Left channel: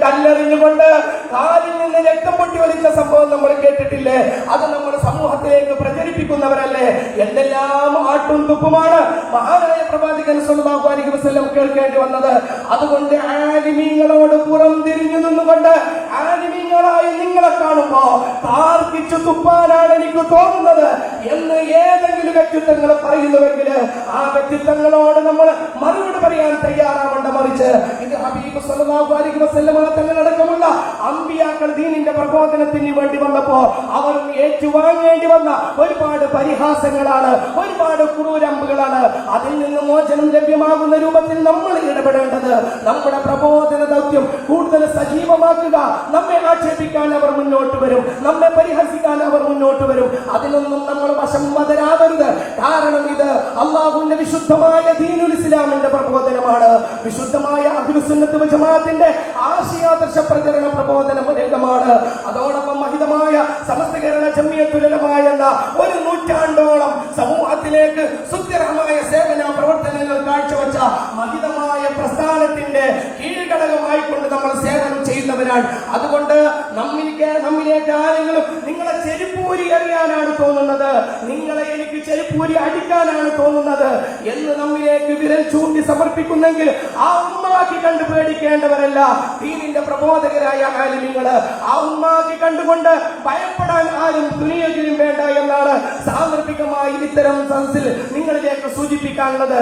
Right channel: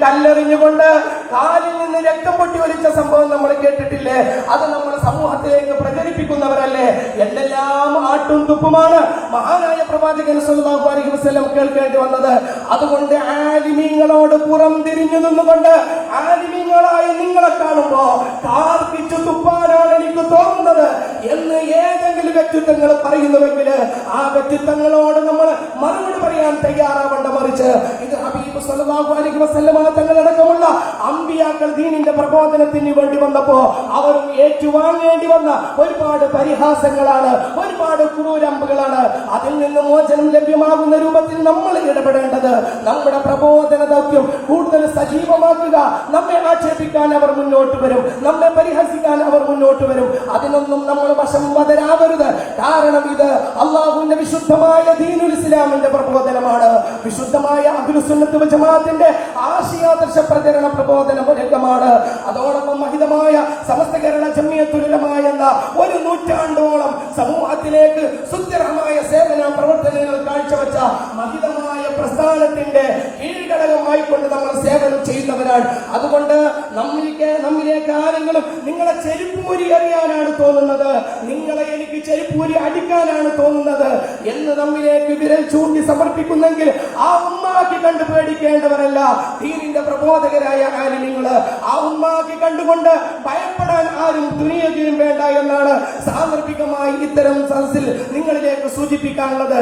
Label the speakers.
Speaker 1: കല്ലെറിഞ്ഞുകൊണ്ട് കാലിൽ നിന്ന് രക്തം പൊട്ടി ഒളിച്ച സംഭവം നമ്മൾ കേട്ടിട്ടില്ലേ? അത് നമ്മുടെ സമൂഹത്തിലേക്ക് പ്രചരിപ്പിക്കുന്നവരല്ലേ? എന്തെല്ലാം ആട്ടും തുപ്പുമാണ്? മഹാനായ പ്രവാചകൻ കേൾക്കേണ്ടി വന്നത്. അതുകൊണ്ട് ആലിമീങ്ങളോട് പുറം തിരിഞ്ഞു നിന്നുകൊണ്ട് ആലിമീങ്ങളായി നിങ്ങളെ കാണുമ്പോ താർപ്പിച്ചു തുപ്പാനാണ് എനിക്ക് തോന്നുന്നത് എന്ന് ഏതെങ്കിലും വ്യക്തിത്വങ്ങൾ പറയുന്നുവെങ്കിൽ ആ വ്യക്തിത്വങ്ങളോട് നമ്മൾ മറുപടി പറയാൻ തയ്യാറാവേണ്ട മറിച്ച് ഇത് ഹബീബ് സല്ലല്ലാഹു അലൈഹി വസല്ലമ തങ്ങളടക്കമുള്ള അമ്പിയാക്കൾ ദീനിന്റെ പ്രബോധനത്തിന് വേണ്ടി വന്നപ്പോ അവരും ഏറ്റുവാങ്ങേണ്ടി വന്ന ഒരുപാട് പരിഹാസങ്ങളാണ് ഒരുപാട് ക്രൂരമ്പുകളാണ്. അതിൽ നിന്ന് മോചനം ലഭ്യമാകുന്ന രൂപത്തിൽ നമ്മൾ ഇടപെടേണ്ടത്. നമ്മുടെ പ്രബോധന ദൗത്യം കൂടുതൽ സജീവമാക്കുക. നമ്മെ ആക്ഷേപിക്കാൻ അവർ മുന്നോട്ട് വരും. നമ്മെ പരിഹസിക്കാൻ അവർ മുന്നോട്ട് വരും. അതിനൊന്നും നമ്മൾ വശം ഇത് അള്ളാഹുവിന്റെ വിശുദ്ധമായ ദീനുൽ ഇസ്ലാമിന്റെ പ്രബോധനമാണ്. വിശുദ്ധമായ അഖിലുസുന്നത്ത് ജമാഅത്തിന്റെ ആശയാദർശ പ്രചരണ പ്രബോധന രംഗമാണ്. അതോടൊപ്പം മഹിതമായ സമസ്ത കേരള ജമ്മിയത്തുലമായ ഒരു നൂറ്റാണ്ടോളം സമൂഹത്തിലേക്ക് സുസ്ഥിരമായ സേവന പ്രവർത്തനങ്ങൾ കാഴ്ചവെച്ച മഹിതമായ പ്രസ്ഥാനത്തിന്റെ കീഴ്ഘടകമായിക്കൊണ്ട് നമ്മൾ സേവനം ചെയ്യുന്നവരാണ്. അതുകൊണ്ട് നമ്മിലേക്ക് നമ്മിലേക്ക് ആരെങ്കിലും നിങ്ങളെ ചെരുപ്പൂരി അറിയാനാണ് തോന്നുന്നത്. നിങ്ങളെ ചെരുപ്പൂരി അടിക്കാനാണ് തോന്നുന്നത് എന്ന് നമ്മിലേക്ക് വിരൽ ചൂണ്ടി സമർപ്പിക്കുന്നെങ്കിൽ ആ ഉമ്മാക്കി കണ്ട് പേടിക്കേണ്ടവരല്ല. ദീനിന്റെ പ്രബോധകരായ മാലിന്യങ്ങൾ ആ ഉമ്മാക്കി കണ്ടുകൊണ്ട് ഭയപ്പെടാൻ ആരും തുനിയെങ്കിലും വേണ്ട എന്നാണ് സാന്ദർഭികമായി ഇത്തരം സദസ്സിൽ നിങ്ങളിലേക്ക് സൂചിപ്പിക്കാനുള്ളത്.